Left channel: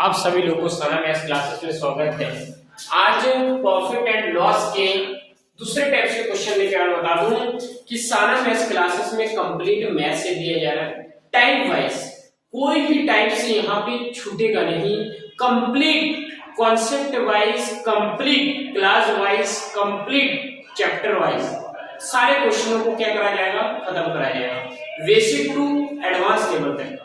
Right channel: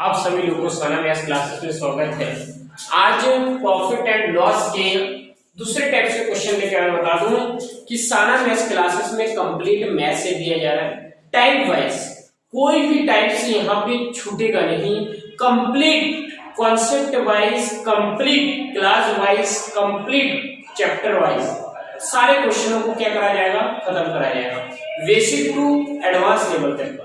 आप सभी लोगों को सना मैथ्स क्लासेस में स्वागत है। आज प्रॉफिट एंड लॉस के दूसरे टाइप के क्वेश्चन लेकर मैं बता दूं कि साना मैथ्स क्लासेस में कंप्लीट मैथ से दिया जा रहा है टाइप वाइज, कोई भी टाइप से यहाँ पे छूटेगा नहीं। Complete concept wise, complete class wise, complete chapter wise सारे क्वेश्चनों को क्या कराया जाएगा, खत्म कराया जाएगा, बेसिक टू एडवांस लेवल तक।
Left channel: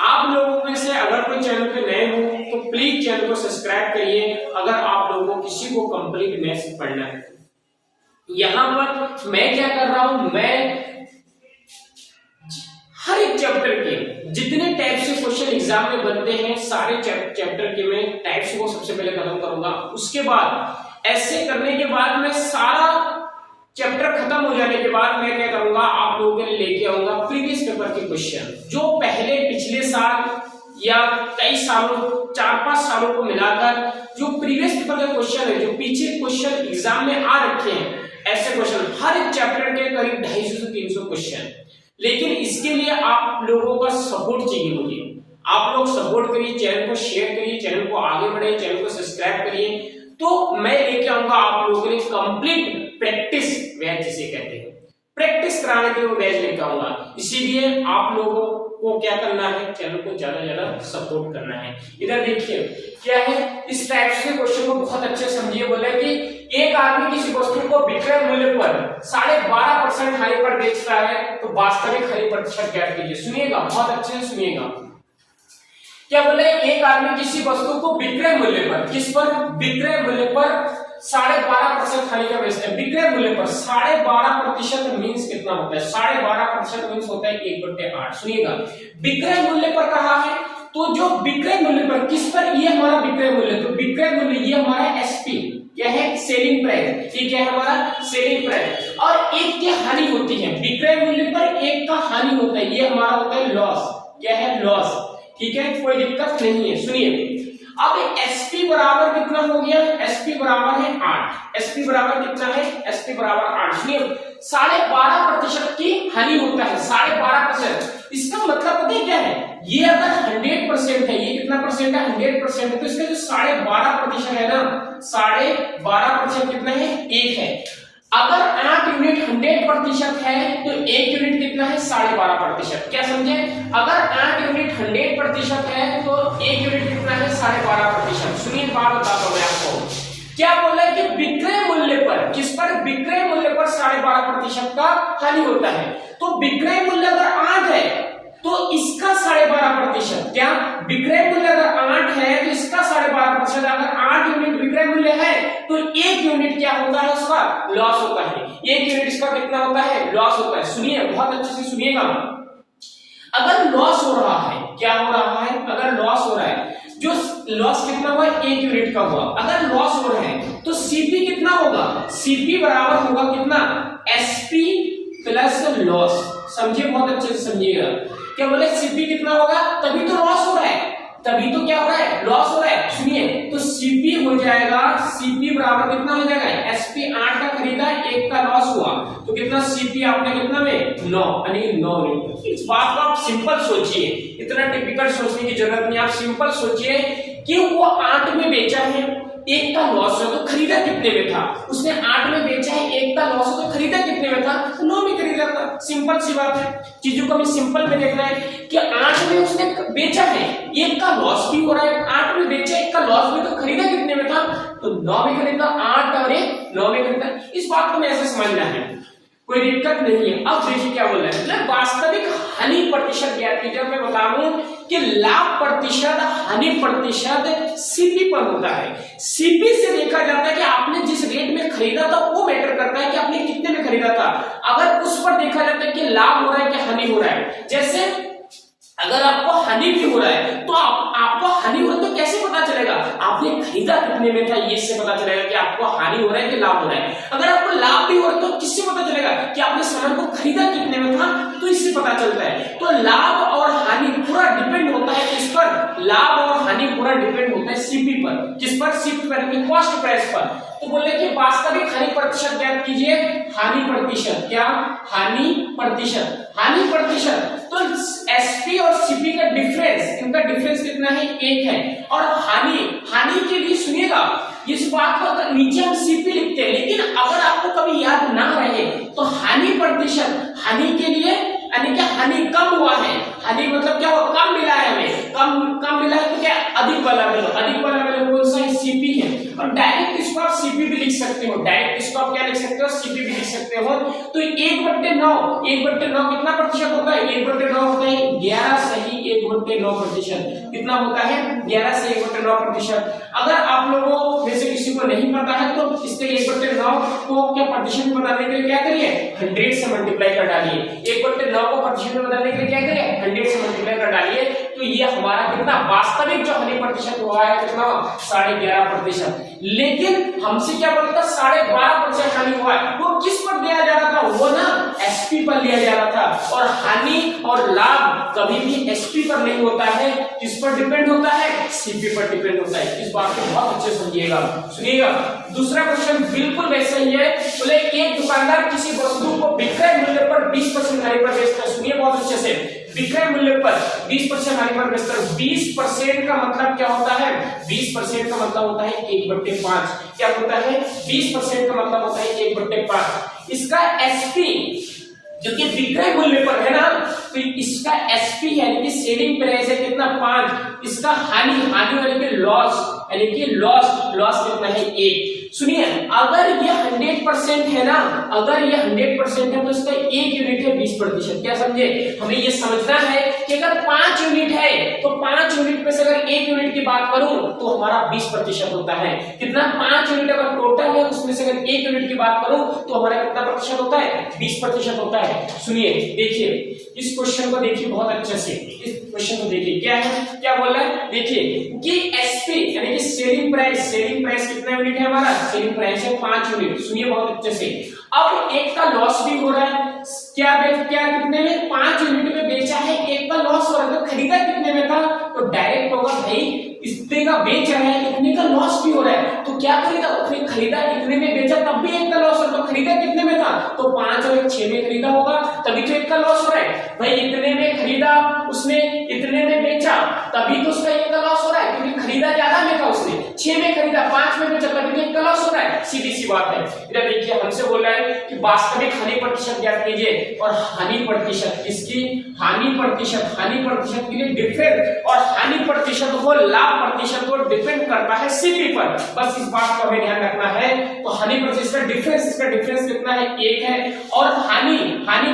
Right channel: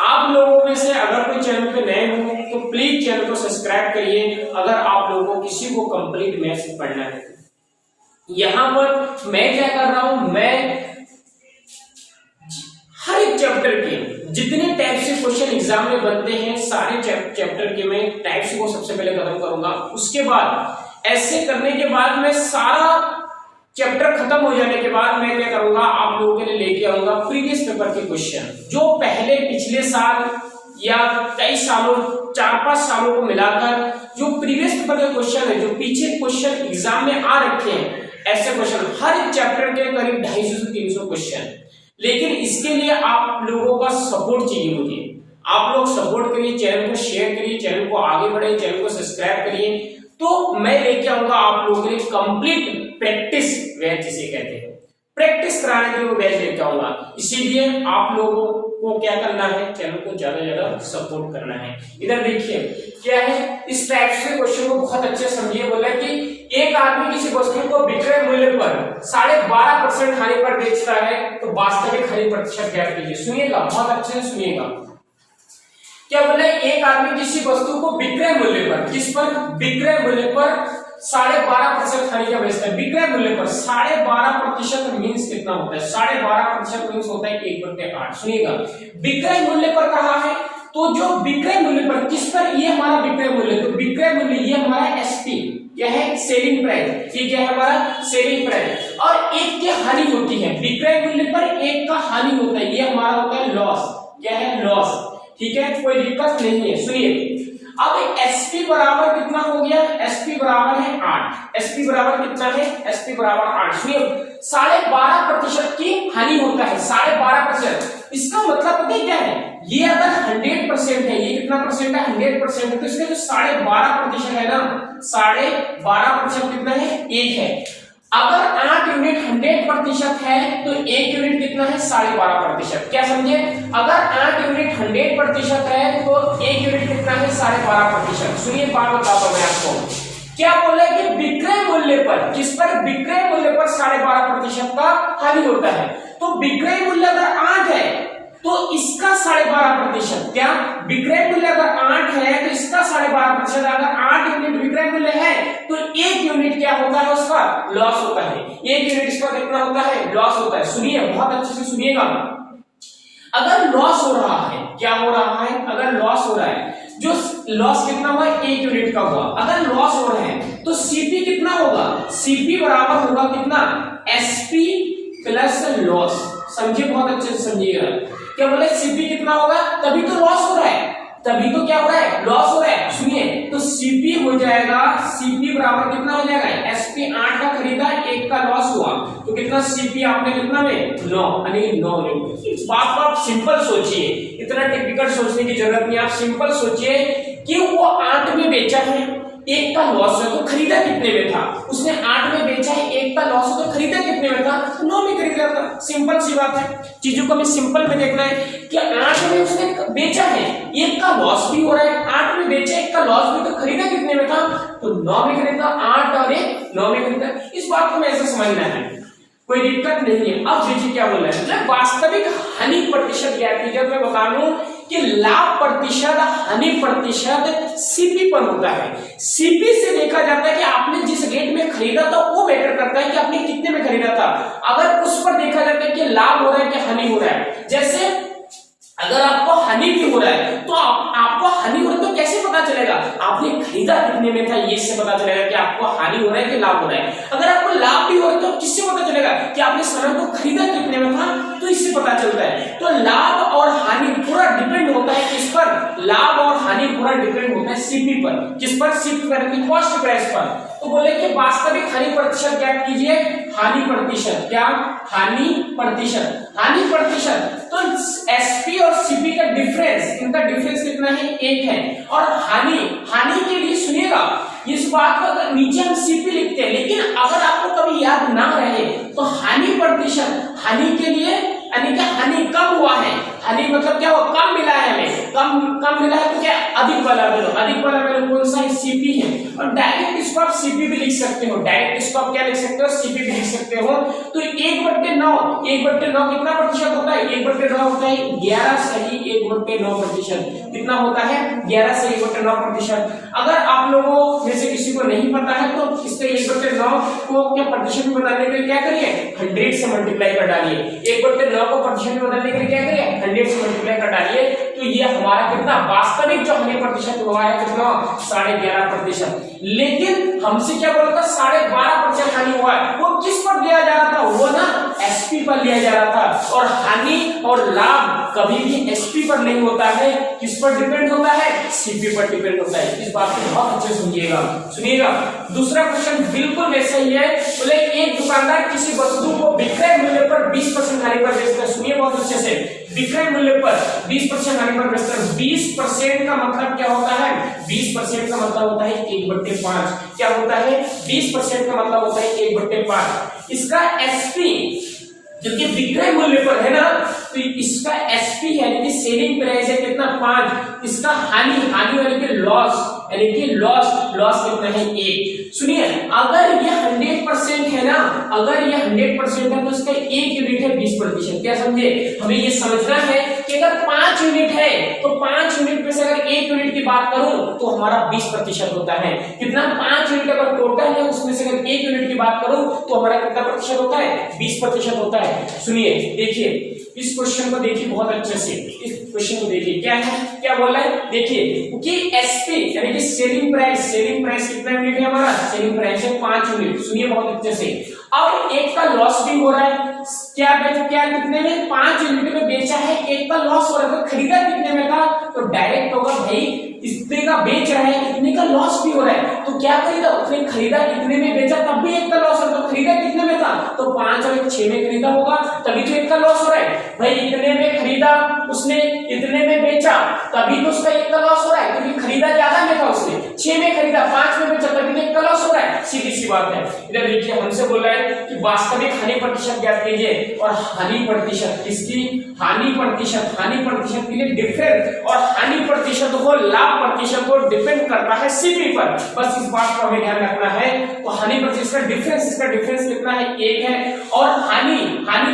आप लोगों में से अगर कोई चैनल पे नए हो तो प्लीज चैनल को सब्सक्राइब करिए अगर आप लोगों को किसी को कंप्लीट मैथ्स पढ़ना है। यहां पर मैं क्या कर रहा हूं, मैं हर एक चैप्टर के जितने टाइप से क्वेश्चन एग्जाम में बनते हैं सारे चैप्टर के मैं टाइप्स को सबसे पहले खत्म करूंगा। उसके बाद ऐसे करने के बाद मैं सारा चैप्टर खत्म हो जाने के बाद मैं क्या करूंगा, आप लोगों के लिए लेके आऊंगा प्रीवियस पेपर के क्वेश्चन जो पहले पिछले साल या कई सालों 4-5 सालों को मिलाकर जो प्रीवियस पेपर के क्वेश्चन है, जो पीछे क्वेश्चन एग्जाम में आ रखे हैं, ऐसे क्वेश्चन हर एक चैप्टर के करीब 250 से 300 क्वेश्चन। लेकिन इसके लिए आप लोगों का सपोर्ट चाहिए मुझे। आप लोग सपोर्ट करिए, चैनल को शेयर करिए, चैनल को आगे बढ़ाइए, चैनल को सब्सक्राइब करिए, तो मैं लेके आऊंगा आप लोगों के लिए कंप्लीट प्रैक्टिस बैच जिसे कहते हैं, प्रैक्टिस कराने के लिए बैच लेके आऊंगा। इसीलिए आप लोगों को क्या करना है, चैनल को ज्यादा ज्यादा सपोर्ट करना है। इधर देखिए क्या है, इस टाइप से क्वेश्चन को बहुत अच्छे समझिए। बोला कि एक आदमी किसी वस्तु को विक्रय मूल्य पर 12.5% हानि पर बेचता है तो वास्तविक हानि प्रतिशत ज्ञात कीजिए। सुनिएगा, बहुत अच्छे से सुनिएगा। क्या बोले, एक आदमी किसी वस्तु को विक्रय मूल्य पर, किस पर, विक्रय मूल्य पर 12.5% हानि का बेचता है। विक्रय मूल्य पर 12.5% मींस कितना होता है, 12.5% मींस होता है 1/8। सुनिएगा, विक्रय मूल्य पर कहा है तो जो विक्रय मूल्य पर किस पर, ये हमारा विक्रय मूल्य, तो विक्रय मूल्य ये हमारा एसपी क्या है, सेलिंग प्राइस, ये क्या है हमारा सेलिंग प्राइस। और एक की हानि होती है, विक्रय मूल्य पर एक का हानि होता है, ये हमारा होता है लॉस। क्या है, लॉस। ठीक है, कोई दिक्कत नहीं है। सुनिए, अब एसपी बराबर कितना हो गया, एसपी बराबर है 8। एसपी बराबर कितना है, एसपी बराबर 8। सुनिए, 12.5% की हानि होता है, 12.5%। इसका मतलब पता है क्या है, ये अगर 100% है, ये कितना परसेंट है, 100% है, तो इसका जो 12.5% है ना, 12.5% कितना है, 1 है। अगर 8 यूनिट 100% है तो 1 यूनिट कितना है, 12.5%। क्या समझे, अगर 8 यूनिट 100% है तो 1 यूनिट कितना है, 12.5%। सुनिए, बात बताता हूं मैं आपको। क्या बोला कि विक्रय मूल्य पर, किस पर, विक्रय मूल्य पर 12.5% का हानि होता है। तो विक्रय मूल्य अगर 8 है तो इसका 12.5%, क्या विक्रय मूल्य अगर 8 है तो इसका 12.5%। अगर 8 यूनिट विक्रय मूल्य है तो 1 यूनिट क्या होता है, उसका लॉस होता है। 1 यूनिट इसका कितना होता है, लॉस होता है। सुनिए, बहुत अच्छे से सुनिएगा। अगर लॉस हो रहा है, क्या हो रहा है, अगर लॉस हो रहा है, जो लॉस कितना हुआ, 1 यूनिट का हुआ। अगर लॉस हो रहा है तो सीपी कितना होगा, सीपी बराबर होगा कितना, एसपी प्लस लॉस। समझिए, बहुत अच्छे से समझिएगा। क्या बोले, सीपी कितना होगा, तभी तो लॉस हो रहा है, तभी तो क्या हो रहा है, लॉस हो रहा है। सुनिए, तो सीपी हो जाएगा, सीपी बराबर कितना हो जाएगा, एसपी 8 का खरीदा, 1 का लॉस हुआ, तो कितना सीपी आपने कितना में 9, यानी 9 यूनिट। इस बात को आप सिंपल सोचिए, इतना टिपिकल सोचने की जरूरत नहीं। आप सिंपल सोचिए कि वो 8 में बेचा है, 1 का लॉस है, तो खरीदा कितने में था, उसने 8 में बेचा है, 1 का लॉस है, तो खरीदा कितने में था, 9 में खरीदा था। सिंपल सी बात है, चीजों को हमें सिंपल में देखना है कि 8 में उसने बेचा है, 1 का लॉस भी हो रहा है, 8 में बेचा, 1 का लॉस भी, तो खरीदा कितने में था, तो 9 में खरीदा, 8 और 1 9 में खरीदा। इस बात को हमें ऐसे समझना है, कोई दिक्कत नहीं है। अब देखिए क्या बोल रहा है, जब वास्तविक हानि प्रतिशत ज्ञात कीजिए, मैं बता दूं कि लाभ प्रतिशत, हानि प्रतिशत सीपी पर होता है। सीपी से देखा जाता है कि आपने जिस रेट में खरीदा था वो मैटर करता है कि आपने कितने में खरीदा था। अगर उस पर देखा जाता है कि लाभ हो रहा है कि हानि हो रहा है, जैसे अगर आपको हानि भी हो रहा है तो आपको हानि हो रहा है तो कैसे पता चलेगा, आपने खरीदा कितने में था, ये इससे पता चलेगा कि आपको हानि हो रहा है कि लाभ हो रहा है। अगर आपको लाभ भी हो रहा है तो किससे पता चलेगा कि आपने सामान को खरीदा कितने में था, तो इससे पता चलता है। तो लाभ और हानि पूरा डिपेंड होता है किस पर, लाभ और हानि पूरा डिपेंड होता है सीपी पर, किस पर, सीपी पर, कॉस्ट प्राइस पर। तो बोले कि वास्तविक हानि प्रतिशत ज्ञात कीजिए, हानि प्रतिशत, क्या, हानि प्रतिशत, हानि प्रतिशत, तो एसपी और सीपी का डिफरेंस, इनका डिफरेंस कितना है, 1 है। और हानि के लिए सुनिएगा, इस बात को अगर नीचे हम सीपी लिखते हैं, लेकिन अगर आपको कभी याद ना रहे तो हानि प्रतिशत, हानि के लिए यानी कि हानि कम हुआ है, हानि मतलब क्या हुआ, कम मिला है हमें, कम मिला है तो क्या, अधिक वाला वैल्यू, अधिक वाला वैल्यू कौन सा है, सीपी है। और डायरेक्ट इसको आप सीपी भी लिख सकते हो, डायरेक्ट इसको आप क्या लिख सकते हो, सीपी भी लिख सकते हो। तो 1/9 कितना प्रतिशत होता है, 1/9 होता है 11 सही 1/9 प्रतिशत, कितना होता है 11 से 1/9 प्रतिशत। अगर आप लोगों में से किसी को नहीं पता है तो इससे 1/9 को क्या प्रतिशत में बदलने के लिए क्या करिए, 100 से मल्टीप्लाई कर डालिए। 1/9 को प्रतिशत में बदलने के लिए क्या करिए, 100 से मल्टीप्लाई कर डालिए, तो ये हमारा कितना वास्तविक जो हानि प्रतिशत हुआ है कितना, 11.5%। लेकिन हमसे क्या बोलता, 12.5% हानि हुआ है, वो किस पर लिया जा रहा था, वो ना एसपी पर लिया जा रहा था। और हानि और लाभ कभी भी एसपी पर नहीं होता है, किस पर डिपेंड होता है, सीपी पर डिपेंड होता है। इस बात को बहुत अच्छे सुनिएगा। दूसरा क्वेश्चन बिल्कुल वैसा ही है, बोले एक दुकानदार किसी वस्तु को विक्रय मूल्य पर 20% हानि पर बेचता है। सुनिए बहुत अच्छे से, विक्रय मूल्य पर 20% हानि पर बेचता है। 20% का मतलब क्या होता है, 20% का मतलब होता है 1/5। क्या होता है, 20% का मतलब होता है 1/5। इसका एसपी जो कि विक्रय मूल्य पर है ना, तो इसका एसपी यानी कि सेलिंग प्राइस है कितना, 5। इसका हानि यानी कि लॉस कितना है, 1। सुनिए, अगर ये 100% है ना, अगर ये 100% है तो इसका 1 यूनिट है 20%। क्या समझे, हमें ये समझना है कि अगर 5 यूनिट है तो 5 यूनिट में से अगर 1 यूनिट की बात करूं तो हमारा 20% होता है। कितना, 5 यूनिट अगर टोटल है उसमें से अगर 1 यूनिट की बात करूं तो हमारा कितना प्रतिशत होता है, 20% होता है। सुनिए, देखिए इस क्वेश्चन को देखिए बहुत अच्छे से, इस क्वेश्चन को देखिए क्या है, क्या बोल रहा है, देखिए कि एसपी यानी कि सेलिंग प्राइस कितना यूनिट है हमारा, सेलिंग प्राइस है 5 यूनिट। सुनिए बहुत अच्छे से, अब एक का लॉस भी हो रहा है, क्या कितने में, 5 यूनिट में बेचा है, एक का लॉस हो रहा है, तो खरीदा कितने में था, तो डायरेक्ट होगा भाई इतने का बेच रहा है, इतने का लॉस भी हो रहा है, तो क्या खरीदा, उसने खरीदा इतने में, बेचा तब भी एक का लॉस हो रहा है, तो खरीदा कितने में था, तो 5 और 6 में खरीदा होगा, तभी तो एक का लॉस हो रहा है। भाई इतने में खरीदा उसने, इतने में बेचा, तभी तो उसका एक का लॉस हो रहा है, क्योंकि खरीदा ज्यादा में था उसने, 6 में खरीदा 5 में बेचा, तभी तो एक का लॉस हो रहा है। सीधी सी बात है। इधर देखिए हमसे बोल रहा है कि वास्तविक हानि प्रतिशत ज्ञात कीजिए, और हानि प्रतिशत किसकी, हानि प्रतिशत के लिए डिफरेंस, और हानि प्रतिशत को लाभ प्रतिशत को डिपेंड करता है सीपी पर। बस इस बात को हमें ध्यान रखना है। तो हानि प्रतिशत का डिफरेंस, इसका डिफरेंस कितना है, 1 है। और हानि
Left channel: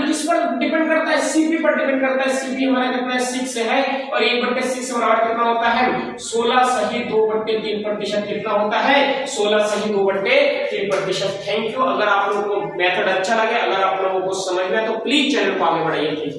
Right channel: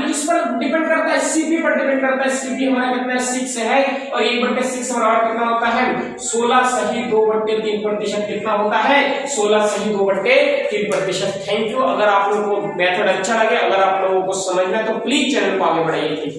किस पर डिपेंड करता है, सीपी पर डिपेंड करता है। सीपी हमारा कितना है, 6 है, और 1/6 बराबर कितना होता है, 16 सही 2/3%। कितना होता है, 16 सही 2/3%। Thank you. अगर आप लोगों को मेथड अच्छा लगे, अगर आप लोगों को समझ में तो प्लीज चैनल को आगे बढ़ाइए।